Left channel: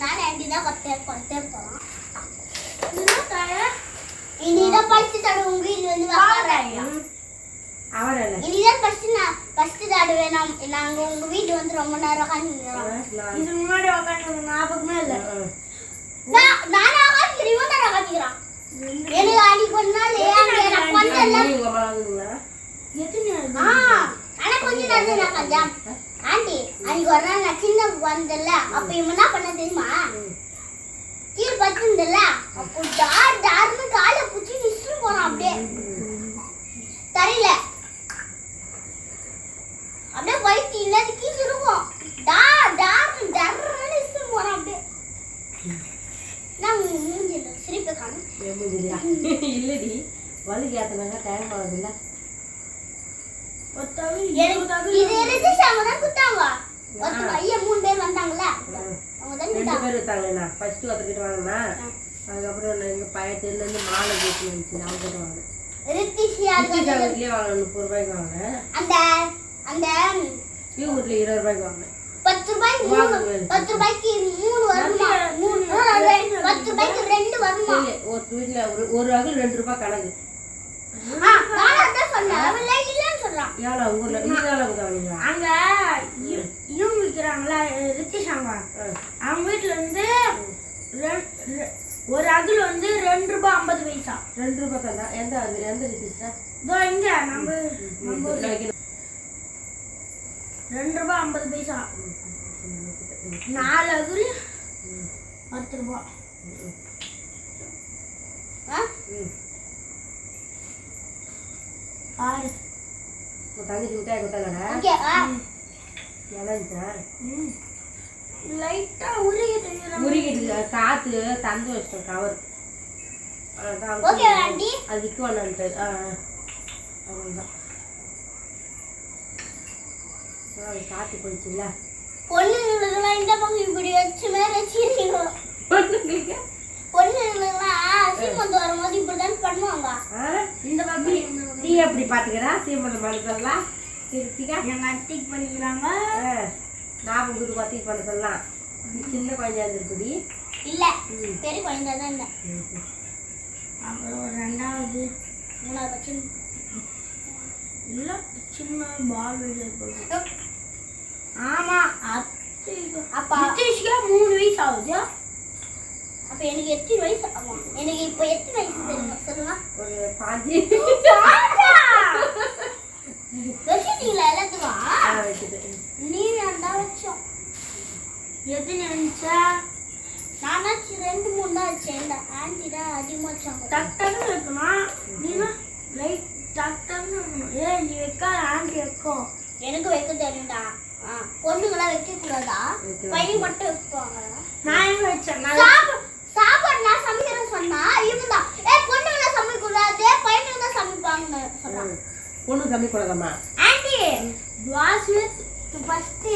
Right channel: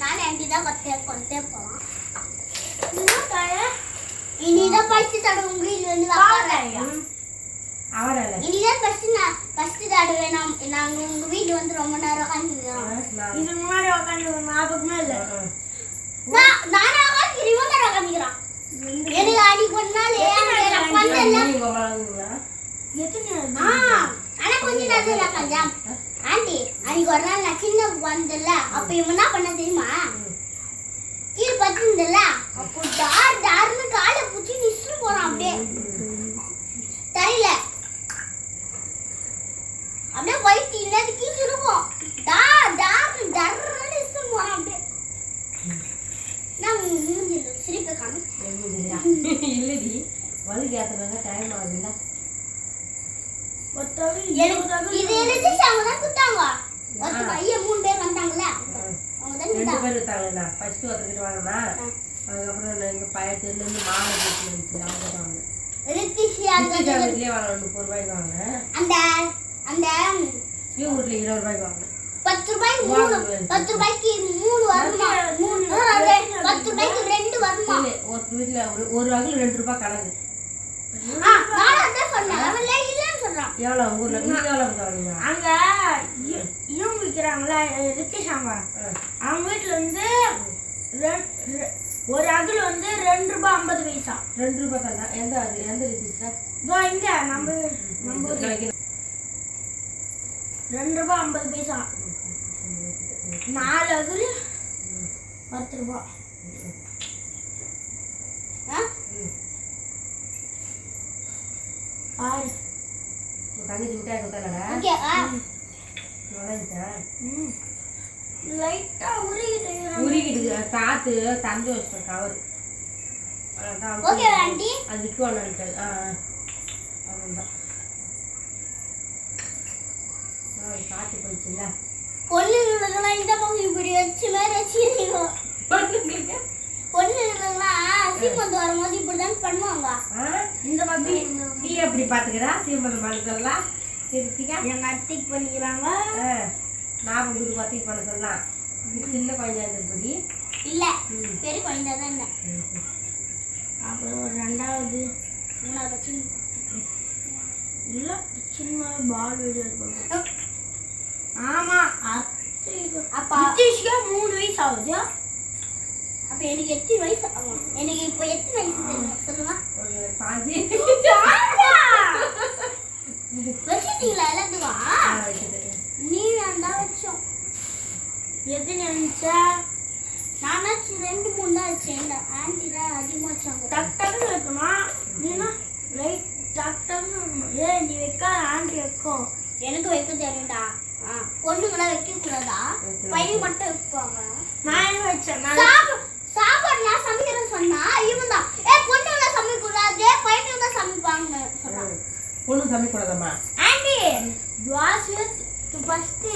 நானே ஆண்டி தான் கொத்தே கொத்தே போலாம் இனிதான் ஃபர்ஸ்ட் தடவை உங்க வீட்டுல வந்து வாங்க அவன் இல்ல. இனிதான் ஃபர்ஸ்ட் நான் ஃபர்ஸ்ட் நாங்க உங்க வீட்டு வந்து ரொம்ப நேரம் உட்காந்துக்கிறோம் இது முன்னாடி உட்காந்து ஞாபகமே இல்லை. நான் நானே உட்காந்துக்கிறேன் இவன் தான் உட்காந்துக்கிறான் எனக்கு? எத்தனை ஆ ஆனா நேரம் கஞ்சாம் ஆண்டி அன்னைக்கு ஒரு நாள் நான் சின்ன வந்தல அப்ப இவன் என்ன பண்ண தெரியுமா? கீழே பத்துந்தல அப்போ டார் டார்னு காலை புடிச்சு விசிறு போறான் அப்படியே. தெரியல. அப்படியே வயிற்று இல்லாத கீழ் இருக்கும் டார் டார் டர்னு விசிறு போறான் அப்படியே. நான் மூஞ்சில சிரிப்பை காணும்? இல்லடி. வலிக்கு ஏத்தனாங்க டைம் ஆகுதுல்ல. இது ரிஜிஸ்ட் அவங்க தான் குத்தாங்க ஒருத்த பையன் மூணு பேர் வந்தாங்கல்ல அவங்க தான் இருக்காங்களா ஃபர்ஸ்ட் ஒருத்தர்கிட்ட வாங்கினா. அதுக்கப்புறம் நான் எங்க பையன் தெருலேருந்து மாலை போட்டு வந்துச்சு அவங்க கிட்ட வாங்கினேன் வீட்லயே வாங்கினேன் முப்பது ரூபாய்க்கு வாங்கினேன். அந்த வீட்டுல இருபது ரூபாய்க்கு வாங்கினேன். பத்து ரூபாய்க்கு மூணு பத்து ரூபாய்க்கு மூணு வருமா? மூணு பத்து ரூபாய்க்கு ரெண்டு வருமா? ஒரு வீட்டுல ஒரு ஒரு அகல் ரெண்டு ரூபாய் கணக்கு. எவ்வளோ ஊர்ல நீங்க எவ்வளோ வாங்கினீங்க அங்க இவங்க விற்கிறாங்களா ரித்திஷ் அவங்க அவங்க வீட்டுல இருந்து ரெ- ஒரு அகல் வந்து ரெண்டு ரூபாய் ஐம்பது பைசா. ரெண்டு ரூபாய் தந்தா எந்த அகல்? எந்த ரிசிஸ்டா இதோ இங்க நம்ம நம்ம ரெண்டு ரூபாய் ஐம்பது பைசா. நாலு அகல் பத்து ரூபாய்? பாரு. தங்கச்சி விட்டாய கொடுத்தாலடா உருகிட்டு காத்து தந்து வச்சிட்டேன் கவர் அது விற்குவானான்ட்டு ஆ. அவ்வளோதான் காத்து போயிடுச்சுல்ல. பொண்ணுங்களுக்கெல்லாம் இந்த பக்கம் இப்படி வச்சு மேல வச்சிருக்கீங்க. பொண்ணுங்களுக்கெல்லாம் சீமந்து வரும்போது இப்படிதான் பண்ணுவாங்க. இந்த பக்கம். நீ எப்படி பார்த்துக்கிறா சீமந்த மனசெல்லாம் திருத்திக்கா. எங்க அத்தைக்கு பண்ணிக்கிறாங்க. நான் உங்களுக்கு பத்தி பண்ண சொல்லலாம். சின்ன குழந்தையா இருக்குடி இல்ல. பெரிய குழந்தை தான் இல்ல அப்புறம் ஒரு ரெண்டாவது மூணாவது பட்சம் இல்ல சின்ன பால் போடுறோம் ஆமா. அத்தைக்கு அப்பா நிதிஷ்கே மூணு வயசு ஆகுது? அப்ப எனக்கு எத்தனை வயசு ஆமா எனக்கு இப்போ எத்தனை வயசு சொல்லுங்க. ஒரு பாஞ்சு வச்சுட்டீங்களா எல்லாத்துக்கும் ஆ, வைக்குது. நீ ரெண்டா வச்சோம் எது நினைச்சா நானாச்சும் ரெண்டு மூணு தான் வச்சேன் இந்த ஆண்டி தான் அதிகமா வச்சாங்க டக் டக்குன்னு வைக்கணும் நீனா லைட் டக் டக்குன்னு வைக்கணும். ஏய் நீ வைக்காத ஆண்டி வைக்கும் எனக்கு வைக்க தெரியும்டா ஆ, பொண்ணுங்களாம் வைக்க கூடாதா வைக்கலாம். பையன் மட்டும் வைப்பாங்க நான் என்ன வச்சேன் நான் சாப்பாடு சாப்பாடு நான் சமைக்கிறேன்னு சொன்னா இவன் தான் ஏ பொண்ணுங்கள சமைக்க கூடாது பையனுங்க தான் சமைப்பாங்கன்னு சொல்றான் ம். பொண்ணு சமைக்கூடாதம்மா ஆண்டி தோசை ஃபஸ்ட்டு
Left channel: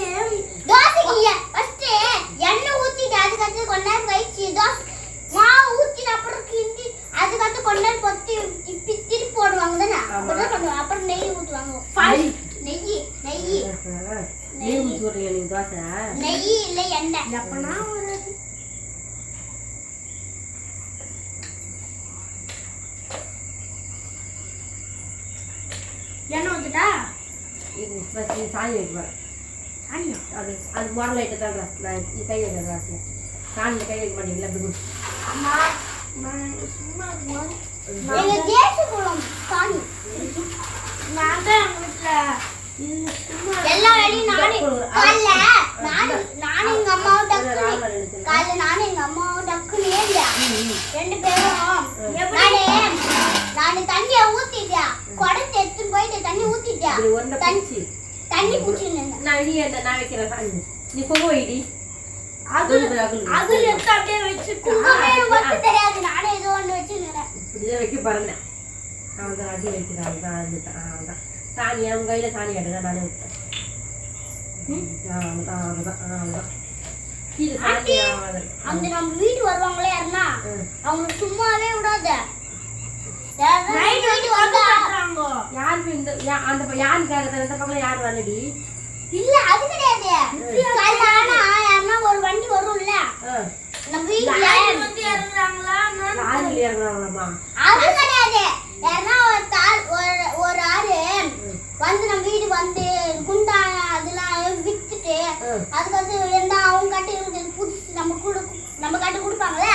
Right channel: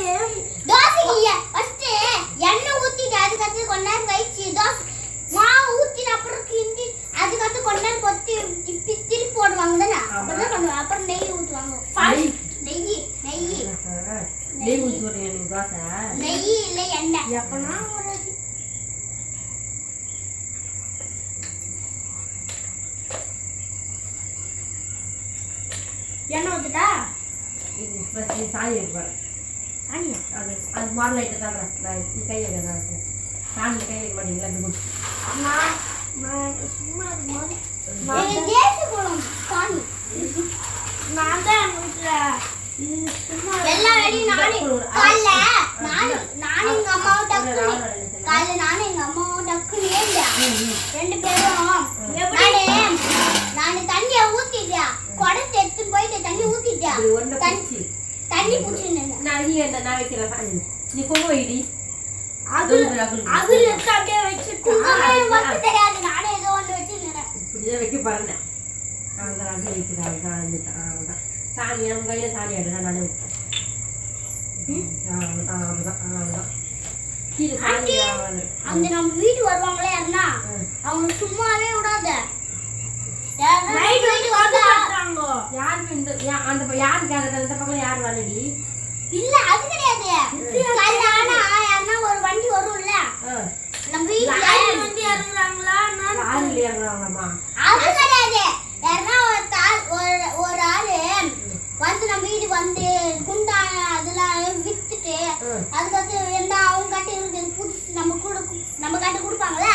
தோசைக்கு first எண்ணெய் ஊத்திட்டு அதுக்கடுத்து நேரம் கழிச்சு தோசை மாவு ஊத்திட்டு அப்புறம் கிண்டி அதுக்கடுத்து கொஞ்ச நேரம் கொத்தி இப்படி திருப்பி போடுவாங்க தானே? அப்படிதான் பண்ணுவாங்க. அப்புறம் நெய் ஊத்துவாங்க. நெய். நெய் நெய். ஊற்றி விட்றீங்க நீங்கள் தோசை நெய் இல்ல எண்ணெய். எப்பனா ஒரு எண்ணெய் ஊத்துட்டா இது ஃபஸ்ட் நீ சாணி வைக்க போகிறேன் அண்ணா அது அது மாடல் லைட்டு தான்டா நான் நீ கை வைக்கிறேன் சாணி கை வைக்க மாட்டீங்களா அப்படி. நான் சும்மா இருக்கும்போது சாணி. நான் தான் எங்கள் வீட்டில் இது சும்மா எல்லா வேலையும் நானே காலைல நானு நானும் எங்க அம்மாவும் டக்குனு காலைல நானும் எங்க அம்மாவும் டக்குனு ஏறியா ரெண்டு பேரும் நானு தண்ணிய ஊத்திட்டியா குடத்தை எடுத்துட்டு போயிட்டு தண்ணி ஊத்திட்டியா இப்படி ஒன்றை பிடிச்சி தண்ணி அந்த நான் வைக்கிறேன் நீ பொங்க வைடி. அகுல் அகுல் எடுத்து அப்படியே வச்சுட்டு குங்குமே வந்து தெரியாது. நானே ஏதோ வைக்க வைக்கிறேன். சாணி கையில் சாணி ஆடுதான் நானே சாணி ஆகாது. அந்த நம்ம வீட்டு வருவாங்களே ம். அவங்க சும்மாவே விடாத. யாருன்னா நைட் வீட்டு வந்து இல்ல அது கிடையாது. கல்லான யாருன்னா ஒரு வண்டி வரும்ல. நம்ம வீட்டுல வந்து அது கிடையாது. யாருன்னா ஒரு ஒரு ஒரு ஆறு வந்து நம்ம வீடு வந்து குண்டா அதெல்லாம் வித்துட்டு அதுக்கு வந்து என்ன அவங்க கட்டி புதுசு நம்ம கூட நம்ம கட்டி கொடுப்பாங்களா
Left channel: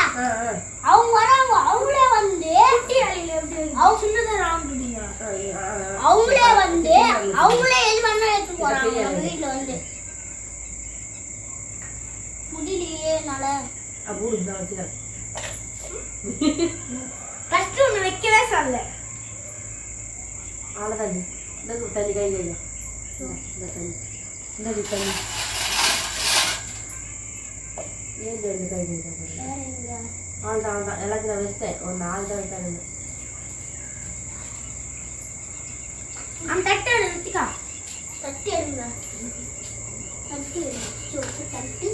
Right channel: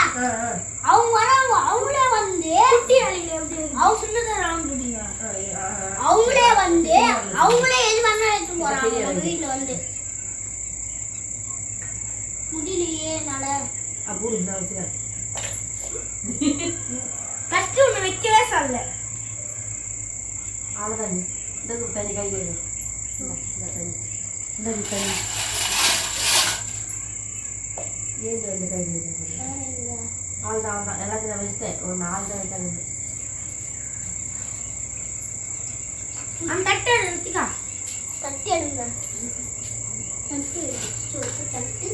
அவ்வளோதான் அவ்வளோதான் எல்லாத்தையும் நான் வச்சுட்டேன் ஒரு நாலு தான் வைத்தாங்க அந்த தட்டை நிறுத்திக்கா தட்டி எடுங்க. தட்டி சோப்பு தட்டி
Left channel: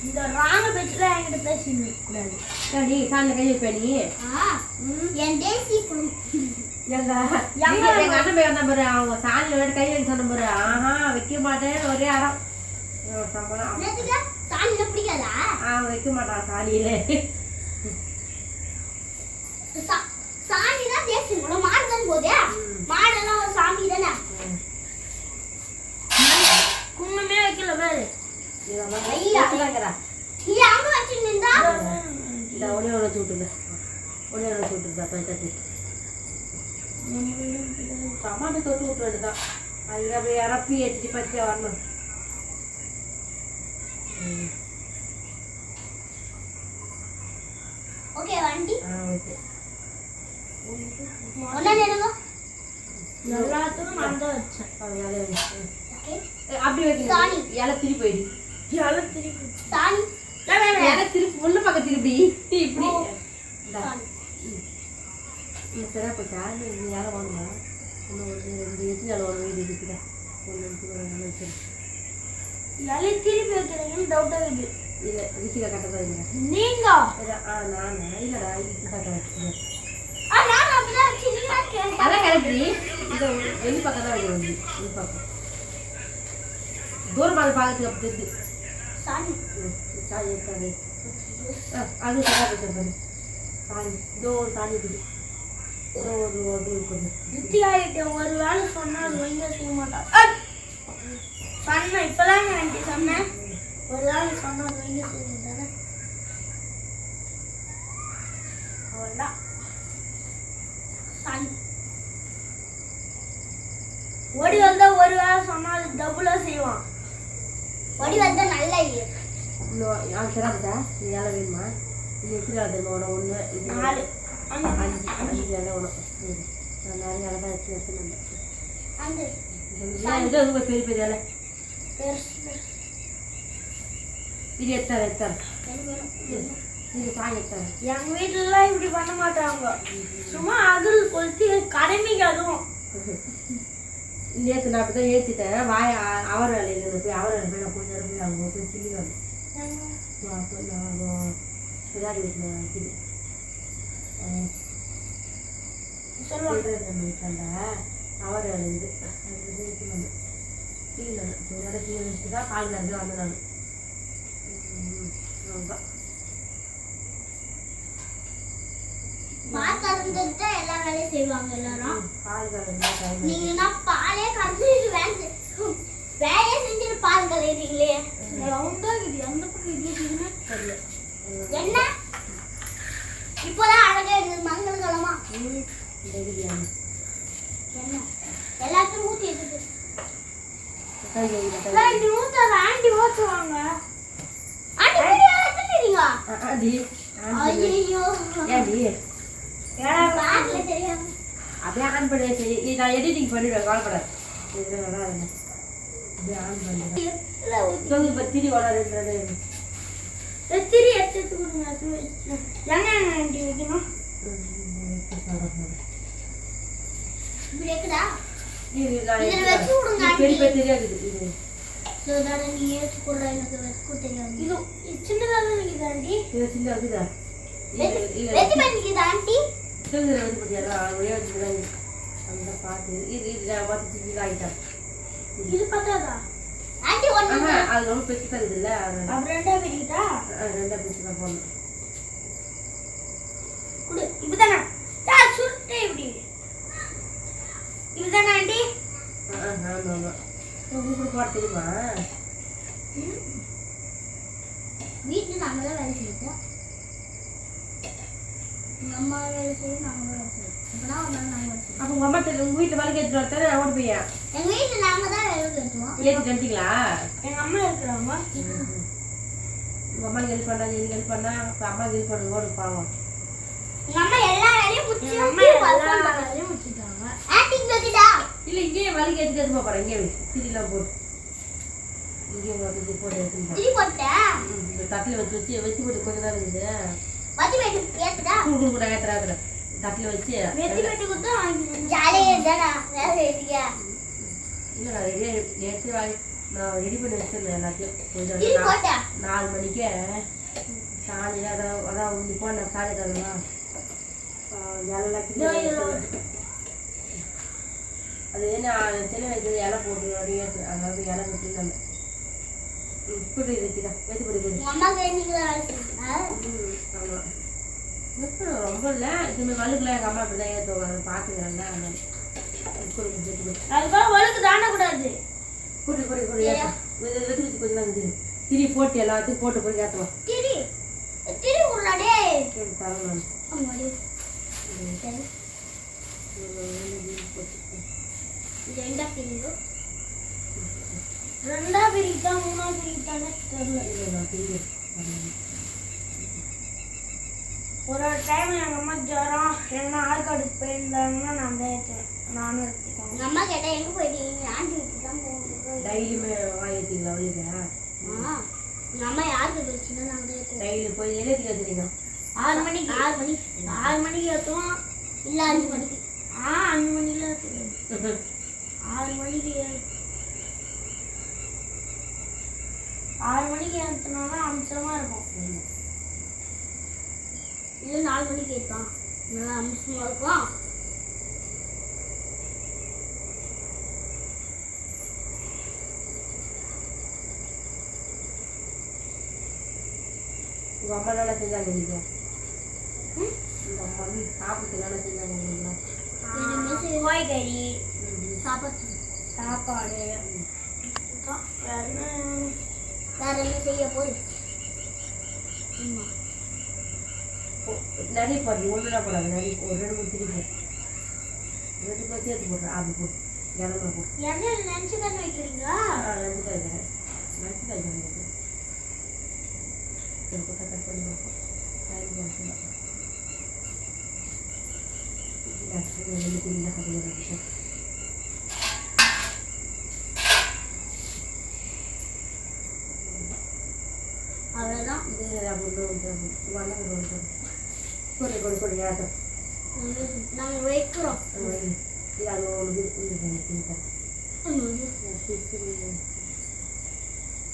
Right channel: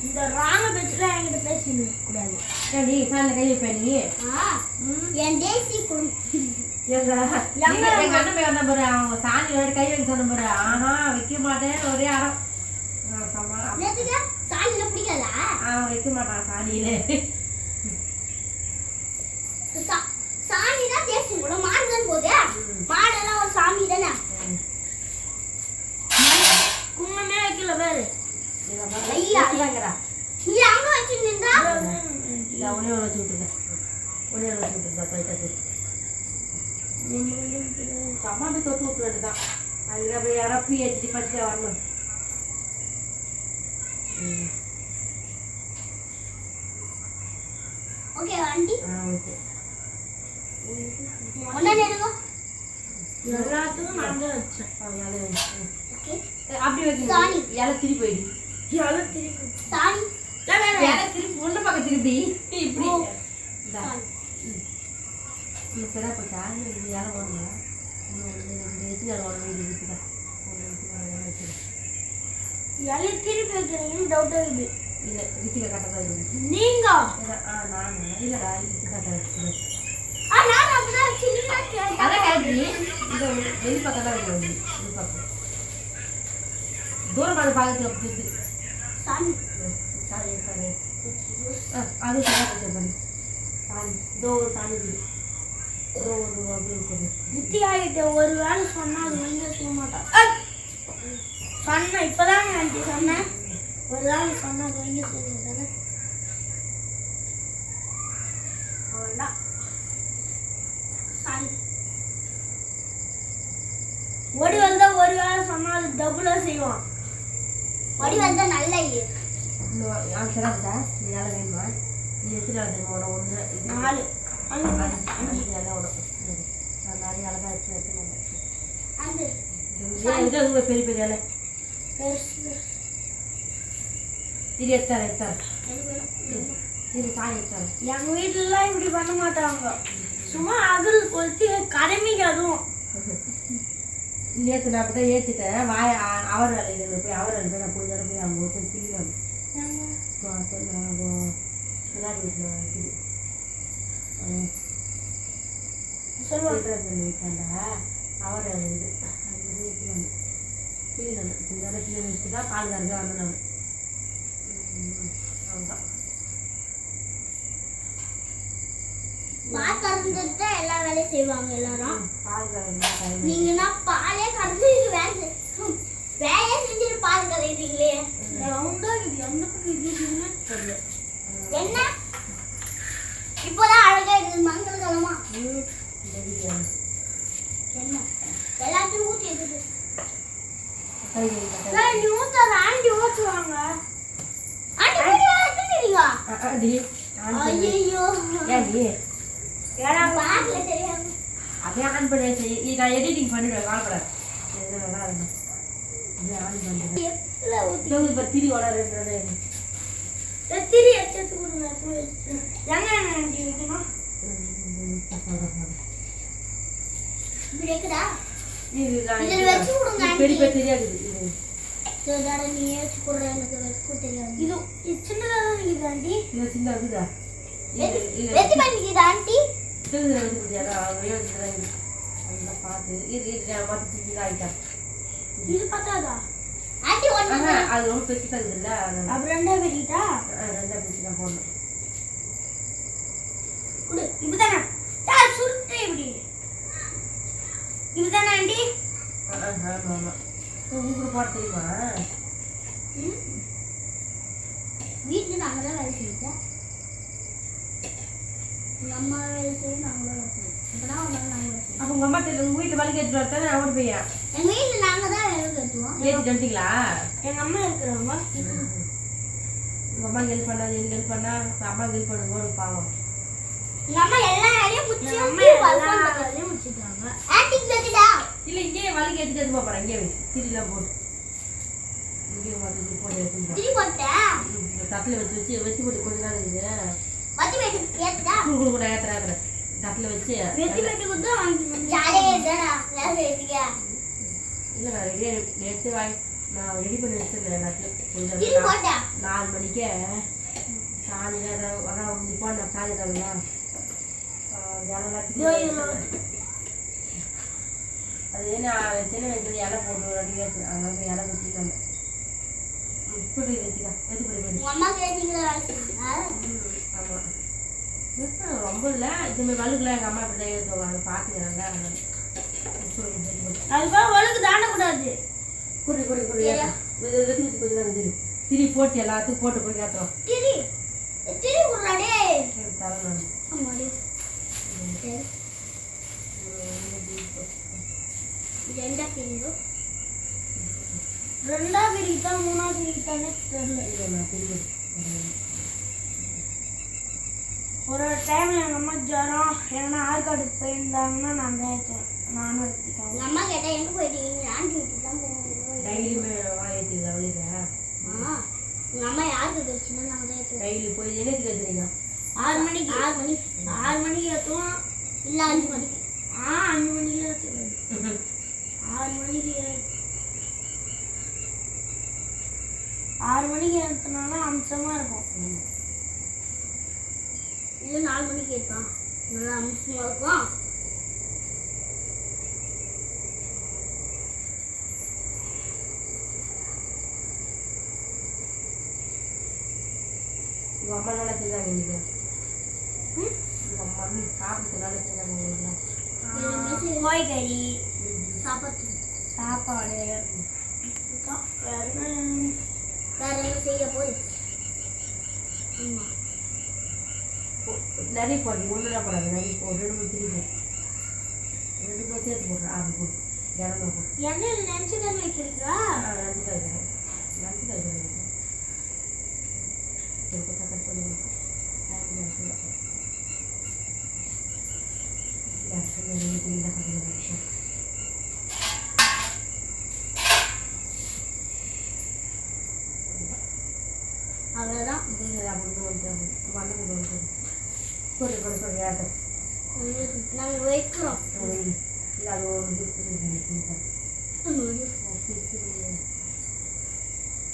இந்த ராங்க பேச்சுல என்கிட்ட பேசிட்டு கூடாது ஏன் நீ சாணியில் கை வைப்ப நீ? என் தேசி எங்க அண்ணன் போய் வந்த பாரு. அவங்க சாணியில் கை வைக்க சொன்ன பாரு. ஆஹா வைக்க மாட்டேன் ஒரே அறம் ஆ, சம்மா என்னத்துக்கு சாணியில பிடிக்காதா ஆ வைக்க மாட்டான் சாணியில. சா- சாணினா தேசி குடம் மாடு தானே போகுது? மாடெல்லாம் ஒரு சாமி தானே? குங்குமே வைக்கல பேரு. ஐயா. வைக்கிறாங்கிறா நீ அங்க வச்சு நின்றா இந்த ஒன்னே ஒன்று வச்சு விட்டுருந்தேன் ஒன்னே ஒன்று வச்சு விட்டுருந்தா துவைக்காது அம்மா போய் தொட்டு விட்டு வேண்டியதான் அது அப்படியே இறப்பி ஏற்றிட்டு பறிச்சு வரணும். ம். ஓகே வண்டி. ஆ ஓகே. ஒன்னா நெருங்க எல்லாத்துக்கும் மறந்து வச்சேன். இலை அப்படி. வைக்கணும். திருப்பி போயிடு எல்லாம் திருப்பி சாணி. இலை திருப்பி உள்ள பக்கம் திருப்பி. இப்படி. சரியா போச்சா இந்த இலை ஒன்று ரெண்டு எத்தனை இலை இருக்குதா? ஒன்று திருப்பி வைக்கிறீங்கன்னு டவுட் ஆகுது இல்லை ரித்திகா கட்டதான் இல்லை நீங்க இதான், ஆ நான் இல்லைடா இதுதான் கரெக்ட் ஆ நான் அப்படிதான் வச்சு நீங்க தான் கேட்டா அதான் கரெக்ட் இந்த வெளி பக்கம் தான் வைக்க வேண்டியது வெளி பக்கம் தூரமாக அதை பார்க்கறதுக்கு அப்படி இருக்கு சாணி சாணி இருக்காது ஆ அது சரியா போச்சு பாரு சாணி இதோ ஒரு சாணி இருக்குது இதோ ஒரு ஒரு இருக்குது நித்யா கிட்ட ஒரு வேலை சொன்னா அது ஒழுங்கா செய்ய மாட்டா அட்! சொன்னேன் இப்பதாங்க ஆண்டி சொன்னேன் ஒரு வேலை சொன்னா அது ஒழுங்கா செய்ய மாட்டானே அவ்வளோதான் சாணி ஓடி வந்தா ஒரு வேலை சொன்னா அது டபுளா செய்வான். வடி வந்தா நல்ல இது. போச்சா நீ இலை வேணுமா? நீ எத்தனை இலை தெரியுமா? உனக்கு ஒன்று இது நாலு. அஞ்சு. இலை உனக்கு. நான் நிறைய இலை தான் வச்சு இது ரொம்ப பெரிய பெரிய பெருசு. இது எத்தாரு எத்தாரு? இது சாணி எத்தாரு. எங்க வீட்டுலலாம் இப்படி பண்ண மாட்டாங்க. சும்மா அகல் கொளுத்தி கடமைக்கு அதுவும் நேற்று நான் அப்படி தான் ஏற்றிட்டேன் வாய அவர் வேலையில் போய் அவர் வேலை போய் நான் கொஞ்ச நேரம் போய் அவங்க போய் திரிவாங்க அப்போ நான் விளையாடி வீட்டில் இது சொல்லுவாங்க. வீட்டாண்ட? அவர் வேலை இது அது வந்து கொஞ்ச நேரம் டிவி வச்சுட்டு தான் கறந்து வந்தேன் நான். அவ்வளோதான் பால் கறந்துட்டு தான் எல்லா வேலையும் செய்வாங்க எல்லாரும். பால் கறந்து டைம் நீங்கன்னா பாலே கறந்து இது வேலை வேலையே செஞ்சுட்டு பால் கறக்குறீங்களே ரவுண்டா இது எந்த பக்கம் இது இருக்குதுன்னு தெரியல. என்ன? இப்போதான் அழகா இருக்குது மங்களகரமா. ம் இந்த பிரியாணி என்ன? எல்லாத்தையும் ஊத்தி இருக்குது கை கை ஏய், நீ ஊத்தாத ஆண்டி ஊத்துவாங்க ஆண்டி வீடியோ அப்படியே ஆன் பண்ணி நான் எடிட்டிங் பண்ணிடுவேன் கவலைப்படாது. இது நல்லா இருக்கும் அப்படியே ஆன் இப்போ திரி எடுத்து. எங்க வைக்கணும் பெரிய தெரியாது இது சிலதாட நீ ஏச்சு கொடுற எனக்கு வச்சுக்க தெரியாது. இது இது சின்னதாக தான் இருக்குது ஆண்டி. இது சின்ன இருக்குதா பண்ணிக்குது ஆண்டி. தூங்குற வந்து பார்த்தியா ஒரே வந்து தான் இது பார்த்து இது இது பார்த்து பத்தாதா? ஆண்டி அது ரொம்ப பெருசு தான் அப்புறம் ரெண்டா வெட்டிட்டா ரெண்டாக பெருசு தான் போடணும். குடு இப்படிதானே? சுருட்டை இப்படி. இதுதானே ஆண்டி? ஆ ஆ ஆமாம் ஆமாம் உங்களுக்கு போட தெரியுமா வீட்டுல தான் வேலை செய்யல எங்க அம்மா வேலை செய்யும் நாங்க தான் வேலை அப்போ அம்மா வரத்தானே போய் எங்க வீட்டுல நாங்க தான் எங்க அம்மா இருக்கிறவங்க உங்க அம்மா ஹெல்ப் பண்ணாது எனக்கு ஹெல்ப் பண்ணா அம்மா ஹெல்ப் பண்ணுவோம் ஓடு பாவம் எங்க அம்மா எல்லா வேலையும் முடிச்சு எங்க அம்மா எல்லா வேலையும் முடிச்சிட்டாங்க ஆன்டிக்கு வைக்கிட்டா இல்ல இங்கேயே வலிக்கு எடுத்துட்டு எடுத்து போறேன். இங்கே வை. திரிலாம் போட்டு. வந்து போட்டு எடுத்துட்டு போ. திரி போட்டேன் ம், இந்த தட்டில் வச்சு வச்சு வச்சு போட்டு கொஞ்ச நேரம் இருக்குது குடு குடு கூட ஏத்துற ஏத்துற தட்டில் வச்சு. இல்லை நான் ரெடி நேற்று வாங்கி நான் ரெடி பண்ணி வச்சிருந்தேன் எல்லாத்தையும். கொஞ்சம் நாலு மணிக்கே. சாணி அதான் உந்தி போனேன் சாணி தரலாம் எல்லாம் கிண்டி இதோ இதுல வச்சிருந்தேன். அது என்ன சின்ன வைக்கிறது இலை போட்டு அப்படியே போய் இலை கட்டி தந்தேன் இப்படி வைக்கிறா வெத்து படி ஆமாம் ரொம்ப இல்லை. இதுமாதிரி வலுக்குலாம் எங்கள் அம்மா இப்படி தான் ஏற்றுவாங்க அதை படி அதுக்காக வழுக்கு தாண்டக்கூடாது. குடி குடி குடி வெத்து கொஞ்சம் தான் திரி. திரி போட்டு எல்லாத்துக்கும் போட்டு போய் ஏற்றுறோம் திரி திரி உருளாடே தரேன் திரிங்கோ ரெண்டா பிரிக்கிட்டா மூணா பிரிக்கிட்டானே தெரியல. ஒரு ஒரு டைம் எங்க அம்மா ஜுரம் இல்லைன்னா ஆற்காடுக்கு போயிருந்தாங்கன்னா நான் தான் நானும் எடுத்துக்காங்க உங்க அம்மா கேட்டா எங்க போயிட்டீங்க ஆண்டி வீட்டுக்கு தான் போகணும். டெய்லியுமே வாங்கிட்டீங்களா வழியில ஆ உங்க அம்மா யாருக்கு வச்சுன்னா நாங்க தான். டெய்லி போய் என்னத்துக்கு ஏற்றுறீங்க ஆறு மணிக்கு. ஆறு மணி. ஆறு மணிக்கு ஏற்றுவோம் இல்ல அஞ்சு மணிக்கு. ஆ அஞ்சு மணில ஏற்றுவேன் ஆறு மணிக்கு ஆறு மணிக்கு ஏற்றினாலும் அம்சமா இருக்கும். இல்ல நாலு மணிக்கு ஏத்தான் நல்லா அம்சமா இருக்கும். உங்கள் அம்மா நல்லா செஞ்சாங்க ம்? உங்கள் மம்மி சாப்பிட்டு நல்லா செஞ்சாங்க செய்ய- கோழிக்கறி சாப்பாடு சாப்பாடு அப்புறம் வேற என்ன? வேற என்ன செய்ய போய் ஆமா நிறைய போடுறீங்க ஒன்றுனா போடாது நிறைய போ ரெண்டு மூணு திரி போ ரெண்டு மூணு சேர்த்து போடுறேன் அப்படி போடு இடம் போடு எண்ணெயில் நினச்சி தானே வைக்கிறீங்களா ஆ நஞ்சு காய்க்கிறேன் நஞ்சு காய்க்கிறேன் ஒரு பக்கம் கட் பண்ணி கொடுப்போம் டைம் பண்ணி ரெண்டு திரிலாம்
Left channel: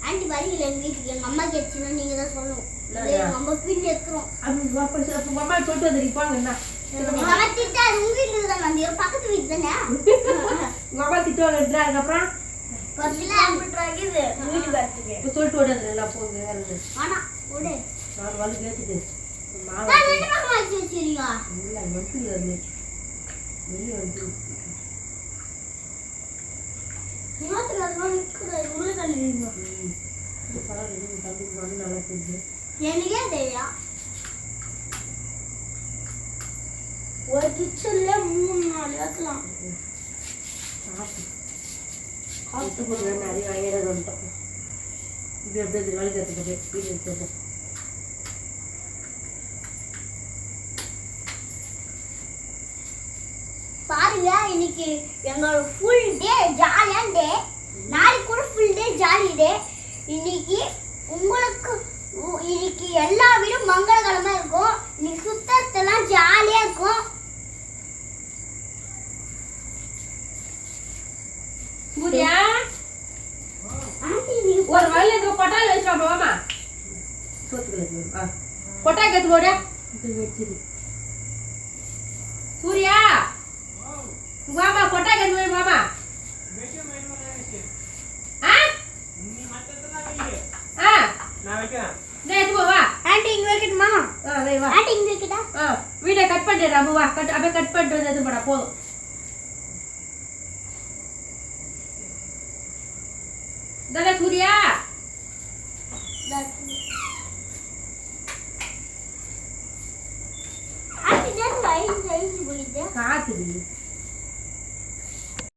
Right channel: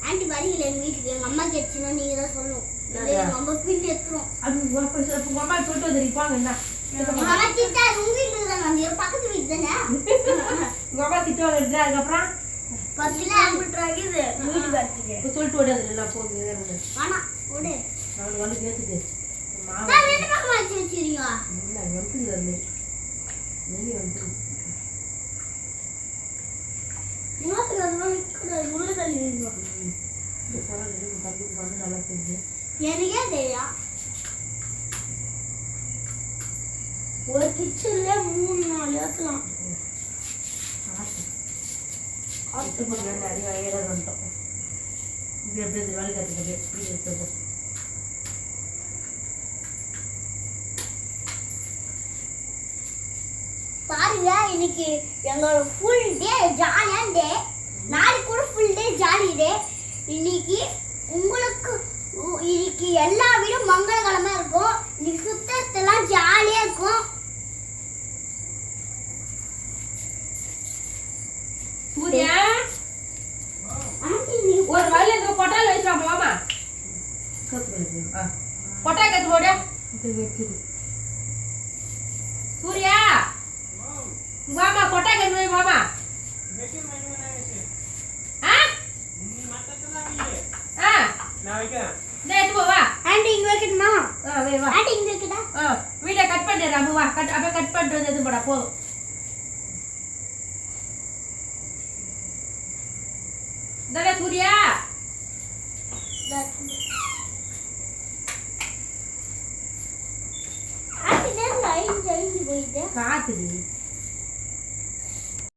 ஆண்டி வரீங்களா எங்க வீட்டுக்கு எங்க அம்மா கேட்டுச்சுன்னா நீங்க தான் சொல்லணும். அம்மா பின் எடுத்துரும் உங்க அம்மா சொல்லிட்டு வந்துருப்பாங்க என்ன? அம்மா திட்டாது உங்க வீட்டுக்கு தான் வந்து பக்கத்து வீட்டு தானே? உங்க அம்மா திட்டு வந்துட்டு அதுக்கப்புறம்? பக்கத்துல இது. வீட்டு வரத்துக்கு இப்போ சொல்லிட்டு ஓடாது ஆனா விடு நான் வந்து கேட்டுட்டு மாவு இல்லை வந்து இருந்து வெளியே வந்து எனக்கே தெரியும் ஒரு கிச்சன்ல மூணு நாலு கொடுக்குற நிறைய வகையில வந்துட்டோம் இப்படி அப்படியே திருவாளி கற்றுக்கிட்டு இது எடுத்துட்டு பாருங்க இன்னைக்கு எங்களோட ஃபுல் டே ஜாலியான டே நாளைக்கு கூட ஃபுல் டே ஜாலி டே இன்னைக்கு உங்களுக்கு உ- இன்னைக்கு எல்லா வீடும் மங்களகரமா இருக்கும் இன்னைக்கு சுத்தத்தெல்லாம் ஜாலியா இருக்கும் சூர்யா ஆண்டி நீங்க ஒரு வயல இருக்க கொட்டாயில் வச்சுருவாங்க மாமா சோத்துக்களை ஆ கொட்டாய் கற்று போட வெச்சுது சூர்யா மாமா கொட்டாய் கற்று போய் மாமா ஆ ஆ நான் வைக்கிறேன் இந்த எடுத்து போ வா ஆண்டி இங்க வைக்கணுமா ஆ வை வா ஆண்டி இங்க கிட்ட ஆ வீடியோ கட் பண்ணிடுறா அம்மு வா கட் அப்படியே கட் பண்ணிட்டு வந்து எடுத்து போடா போதும் தானே சூர்யா ஆண்டி